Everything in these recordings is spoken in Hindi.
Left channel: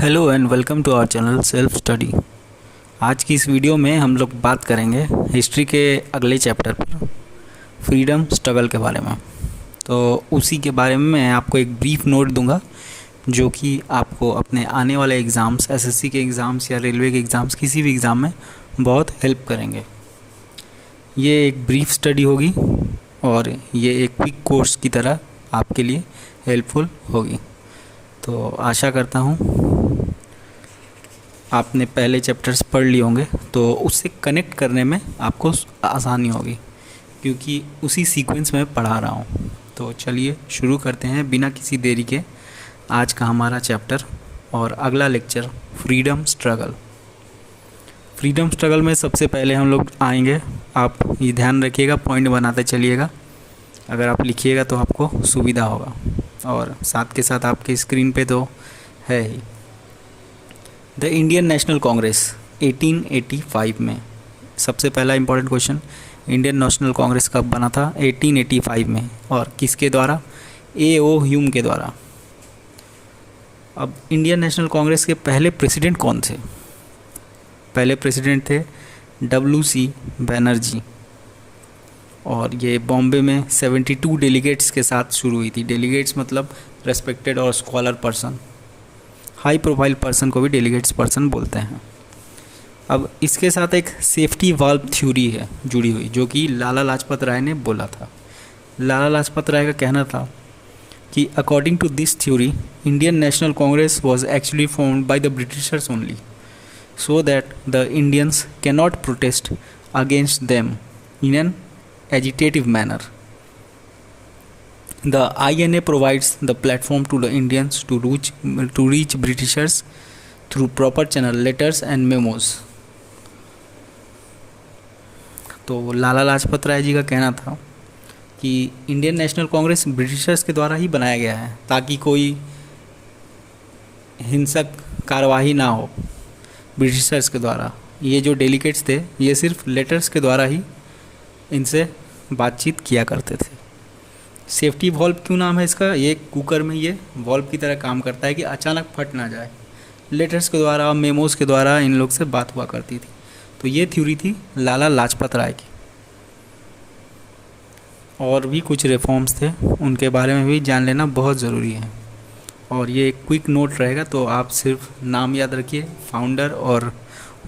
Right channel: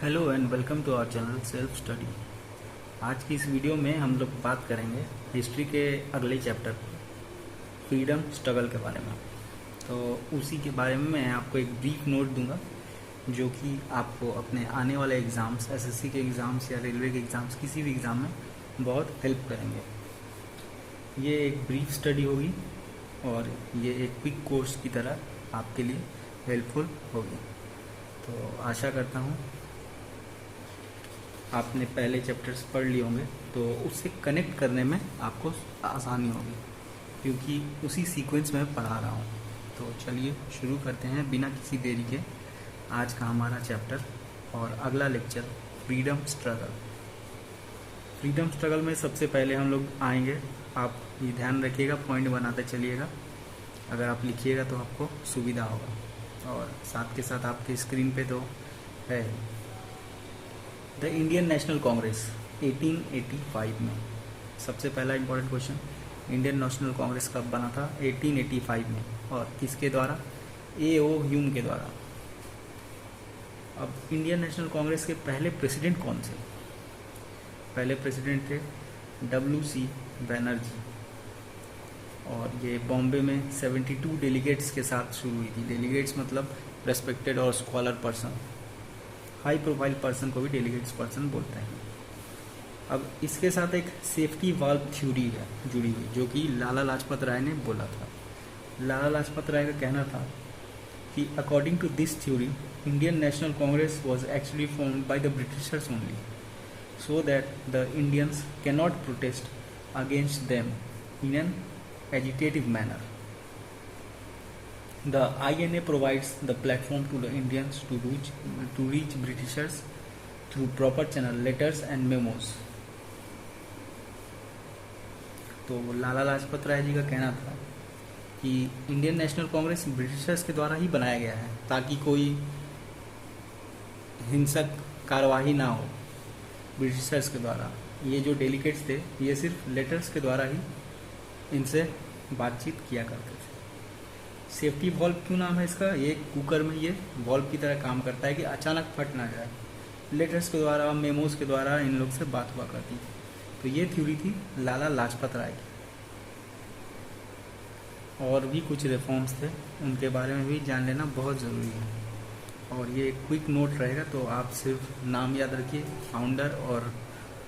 Hello and welcome to our channel self study. आज की इस वीडियो में हम लोग बात करेंगे हिस्ट्री के अगले चैप्टर पर, फ्रीडम स्ट्रगल के बारे में। तो उसी के बारे में मैं आपको एक ब्रीफ नोट दूंगा जो कि आपको अपने आने वाले एग्ज़ाम्स, एसएससी के एग्ज़ाम्स या रेलवे के एग्ज़ाम्स, किसी भी एग्ज़ाम में बहुत हेल्प करेंगे। ये एक ब्रीफ स्टडी होगी और ये एक क्विक कोर्स की तरह आपके लिए हेल्पफुल होगी। तो आशा करता हूँ आपने पहले चैप्टर्स पढ़ लिए होंगे तो उससे कनेक्ट करने में आपको आसानी होगी, क्योंकि उसी सीक्वेंस में पढ़ा रहा हूँ। तो चलिए शुरू करते हैं बिना किसी देरी के आज का हमारा चैप्टर और अगला lecture, freedom struggle. Freedom struggle में सबसे पहले हम लोग आएंगे, आप ये ध्यान रखिएगा, पॉइंट बनाते चलिएगा। अगर आप लिखिएगा तो आपको सुविधा होगा, और साथ के साथ आपके स्क्रीन पे तो है ही। द इंडियन नेशनल कांग्रेस 1885 में, सबसे पहला important question, Indian National Congress कब बना था? 1885 में, और किसके द्वारा? A.O. ह्यूम के द्वारा। अब इंडियन नेशनल कांग्रेस के पहले प्रेसिडेंट कौन थे? पहले प्रेसिडेंट थे W.C. बनर्जी, और ये बॉम्बे में 72 डेलीगेट्स के साथ शुरू हुई थी। डेलीगेट्स मतलब रेस्पेक्टेड और scholar person, high profile person को भी डेलीगेट्स पर्सन बोलते हैं। अब इसके साथ एक सेफ्टी वाल्व थ्योरी है जुड़ी हुई, जो कि लाला लाजपत राय ने बोला था। लाला लाजपत राय का कहना था कि according to this theory Indian National Congress was actually formed by the Britishers only, so that the Indians cannot protest against them in an agitative manner. The INA provides the platform to the Indians to reach Britishers through proper channel, letters and memos. तो लाला लाजपत राय जी का कहना था कि इंडियन नेशनल कांग्रेस ब्रिटिशर्स के द्वारा ही बनाया गया है ताकि कोई हिंसक कार्यवाही ना हो ब्रिटिशर्स के द्वारा। ये जो डेलीगेट्स थे ये सिर्फ लेटर्स के द्वारा ही इनसे बातचीत किया करते थे। सेफ्टी वॉल्व क्यों नाम है इसका? ये कुकर में ये वॉल्व की तरह काम करता है कि अचानक फट ना जाए। लेटर्स के द्वारा, मेमोज़ के द्वारा इन लोग से बात हुआ करती थी। तो ये थ्योरी थी लाला लाजपत राय की। और भी कुछ रिफॉर्म्स थे, उनके बारे में भी जान लेना बहुत ज़रूरी है। और ये एक क्विक नोट रहेगा, तो आप सिर्फ नाम याद रखिए, फाउंडर, और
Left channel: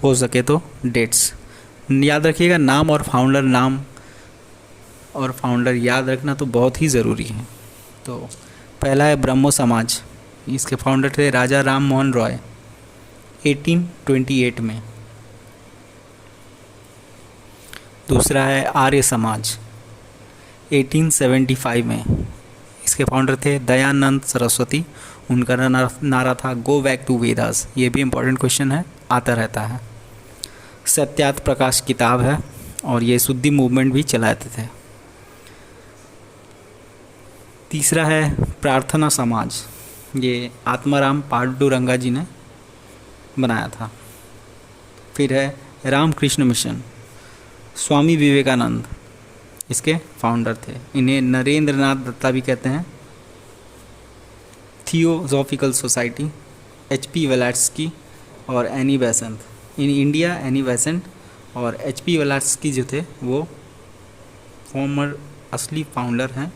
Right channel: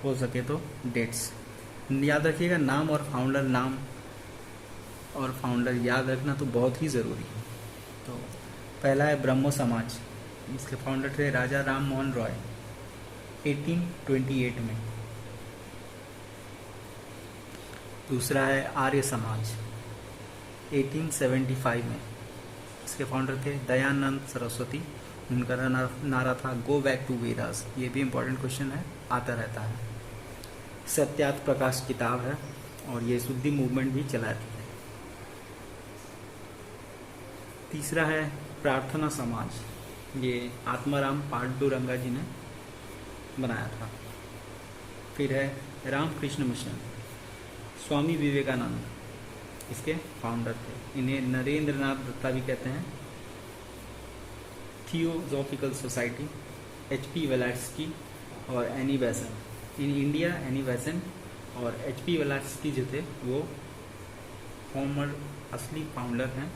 हो सके तो डेट्स याद रखिएगा। नाम और फाउंडर याद रखना तो बहुत ही ज़रूरी है। तो पहला है ब्रह्मो समाज, इसके फाउंडर थे राजा राम मोहन रॉय 1828 में। दूसरा है आर्य समाज 1875 में, इसके फाउंडर थे दयानंद सरस्वती। उनका नारा था गो बैक टू वेदास। ये भी इम्पोर्टेंट क्वेश्चन है, आता रहता है। सत्यार्थ प्रकाश किताब है, और ये शुद्धि मूवमेंट भी चलाते थे। तीसरा है प्रार्थना समाज, ये आत्माराम पांडुरंगा जी ने बनाया था। फिर है रामकृष्ण मिशन, स्वामी विवेकानंद इसके फाउंडर थे। इन्हें नरेंद्र नाथ दत्ता भी कहते हैं। Theosophical society, H.P. वेलाट्स्की और Annie Besant. In India Annie Besant और H.P. वेलाट्स्की जो थे वो फॉर्मर असली फाउंडर हैं।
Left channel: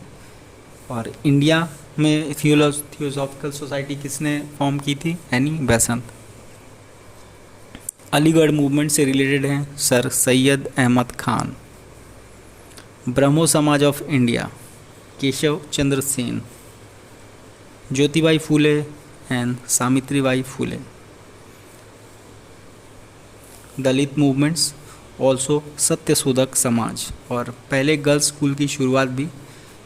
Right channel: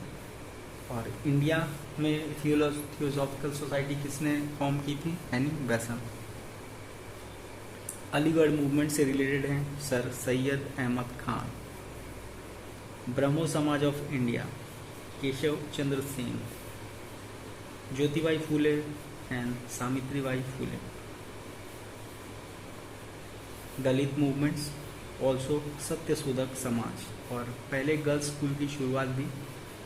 और इंडिया में थियोसॉफिकल सोसाइटी किसने फॉर्म की थी? Annie Besant. अलीगढ़ मूवमेंट से रिलेटेड हैं sir Syed Ahmad Khan. Brahmo Samaj of India, Keshav Chandra Sen. Jyotibai Phule and Savitribai Phule. Dalit movements, also Satyashodhak Samaj. और पहले गर्ल्स स्कूल की शुरुआत भी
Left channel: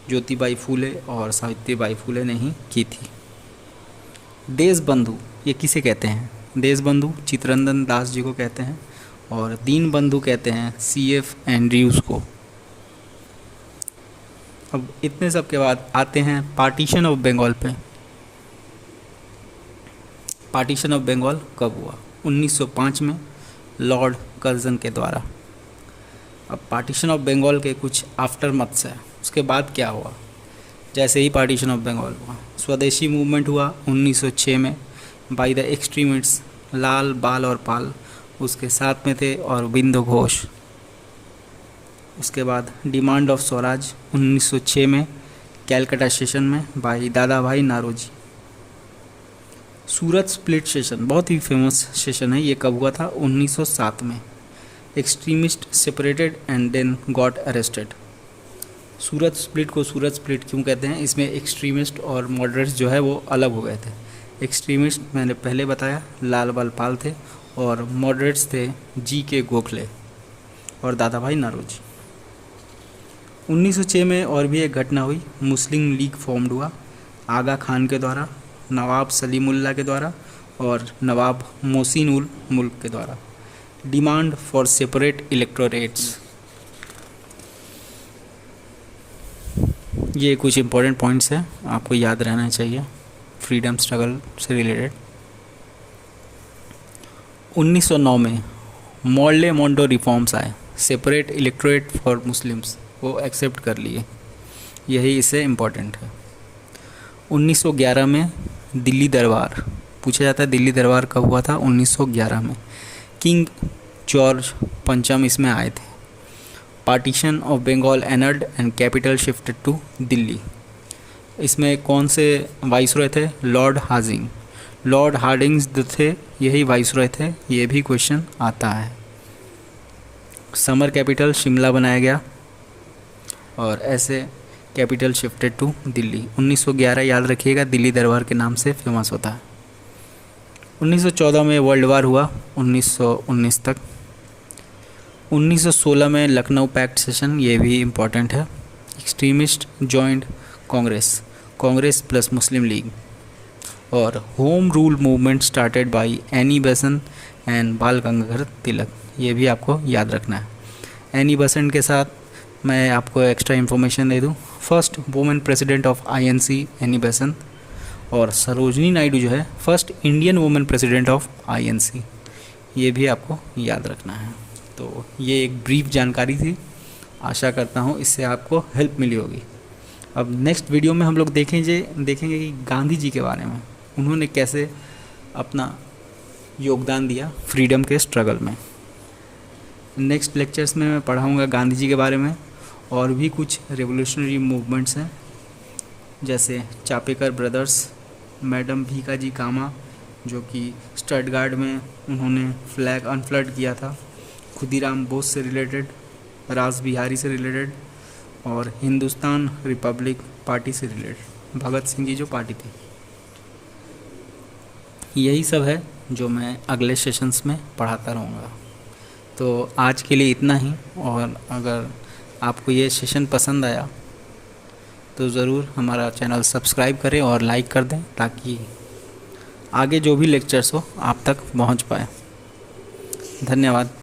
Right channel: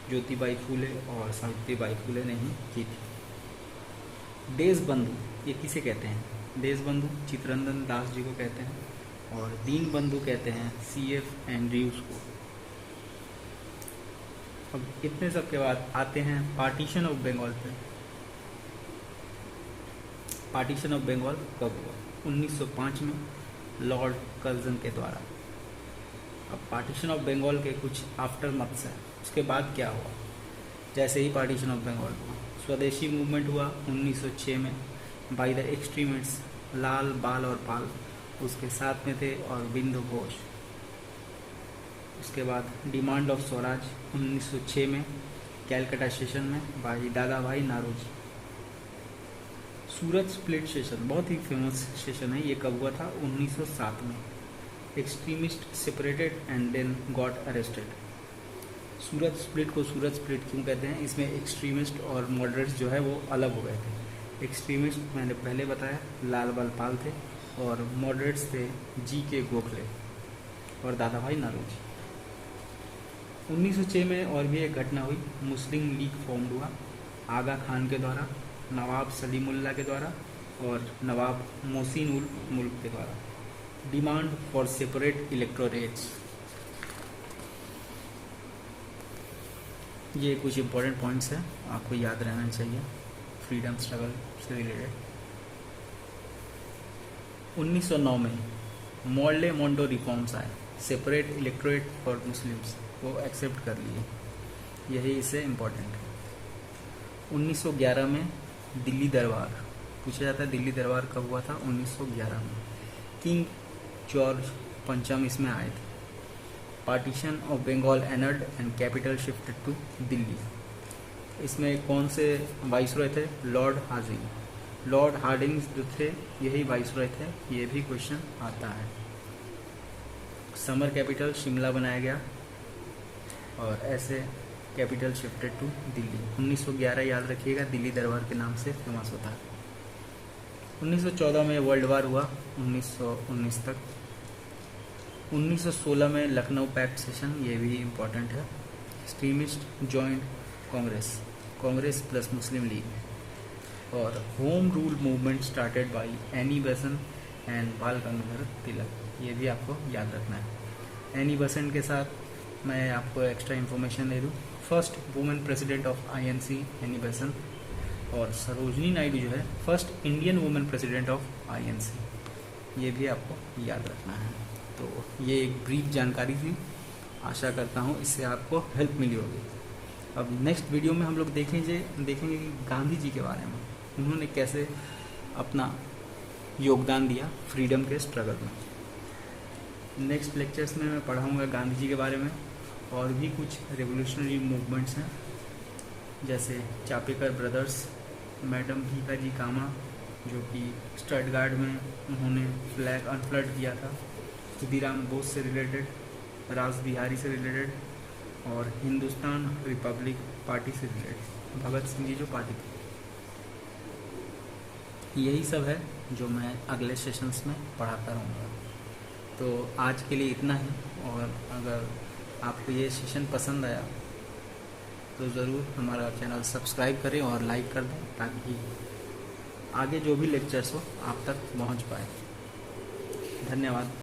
ज्योतिबाई फूले और सावित्रीबाई फूले ने ही की थी। देशबंधु, ये किसे कहते हैं? देशबंधु चित्तरंजन दास जी को कहते हैं, और दीन बंधु कहते हैं C.F. एंड्रयूज़ को। अब इतने सब के बाद आते हैं पार्टीशन ऑफ बंगाल पे। पार्टीशन ऑफ बंगाल कब हुआ? 1905 में लॉर्ड कर्जन के द्वारा। अब पार्टीशन ऑफ बंगाल के कुछ आफ्टर मथ्स है, उसके बाद क्या हुआ? जैसे ही पार्टीशन ऑफ बंगाल हुआ, स्वदेशी मूवमेंट हुआ 1906 में, बाय द एक्सट्रीमिस्ट्स लाल, बाल और पाल उसके साथ में थे, और बिंदु घोष। उसके बाद डिमांड ऑफ स्वराज 1906 में कैलकाटा सेशन में भाई दादा भाई नारोजी। सूरत स्प्लिट सेशन बहुत ही फेमस सेशन है, ये कब हुआ था? 1907 में। Extremist separated and then got arrested. Surat split को सूरत स्प्लिट क्यों कहते हैं? इसमें एक्सट्रीमिस्ट और मॉडरेट्स जो है वो अलग हो गए थे। एक्सट्रीमिस्ट मैंने पहले बताया लाल बाल पाल थे, और मॉडरेट्स थे जी.के. गोखले और दादा भाई नारोजी। 1906 में और भी एक घटना हुई, मुस्लिम लीग फॉर्म्ड हुआ आगा खान के द्वारा, नवाब सलीमुल्लाह के द्वारा और नवाब मोहसिन उल मुल्क के द्वारा। Demand for separate electorates. ये कुछ इंपॉर्टेंट पॉइंट्स हैं, आपको याद रहना चाहिए फ्रीडम स्ट्रगल से रिलेटेड। 1909 में मॉर्ले मोंडो रिफॉर्म्स आए, सेपरेट इलेक्टोरेट फॉर मुस्लिम्स वो एक्सेप्ट कर लिए, यही इससे इम्पॉर्टेंट है। 1911 में दिल्ली दरबार पूछा जाता है, दिल्ली दरबार कब हुआ था? 1911 में। किंग जॉर्ज पंचम इसमें आए थे। Partition of Bengal annulled and capital shifted to Delhi. इसमें कौन से वाइसरॉय थे? Lord Hardinge. लॉर्ड हार्डिंग्स थे, यही वाइसरॉय थे, ये भी क्वेश्चन आता है। समर कैपिटल शिमला बनाया गया, और ऐसे कैपिटल शिफ्टेड टू दिल्ली। 1911 याद रखिएगा, दिल्ली दरबार के नाम से फेमस होता है। 1914 में वर्ल्ड वार हुआ 1919 तक। 1916 में लखनऊ पैक्ट सेशन, ये भी इम्पॉर्टेंट है। Extremist joined Congress, Congress plus Muslim League. और home rule movement started by Annie Besant and Bal Gangadhar तिलक, ये भी आपको याद रखना है। एनी बेसेंट के साथ मैं आपको एक्स्ट्रा इन्फॉर्मेशन दे दूँ, first women president of INC Annie Besant, और सरोजनी नायडू जो है first Indian women president of INC, ये भी आपको याद रखना है। तो ये एक ब्रीफ जानकारी थी, आशा करता हूँ इससे आपको हेल्प मिली होगी। अब नेक्स्ट वीडियो में हम लोग देखेंगे कि गांधी जी के बारे में, उन्होंने कैसे अपना योगदान दिया फ्रीडम के स्ट्रगल में। नेक्स्ट लेक्चर्स में मैं पढ़ाऊँगा गांधी जी के बारे में, और भी कुछ रेवोल्यूशनरी मूवमेंट्स हैं, जैसे चापेकर ब्रदर्स, मैडम भीकाजी कामा जो कि स्टटगार्ड में उन्होंने फ्लैग अनफ्लड किया था, खुदीराम बोस से रिलेटेड, रास बिहारी से रिलेटेड, और हिंदुस्तान रिपब्लिक पार्टी से रिलेटेड, भगत सिंह की जो पार्टी थी। यही सब है जो मैं अगले सेशंस में पढ़ाता रहूँगा। तो आज के लिए इतना ही, और अगर आपको ये सेशन पसंद आया तो ज़रूर हमारा चैनल सब्सक्राइब करें और लाइक कर दें, ताकि आगे जो भी लेक्चर्स हो आप तक पहुंच पाए। धन्यवाद।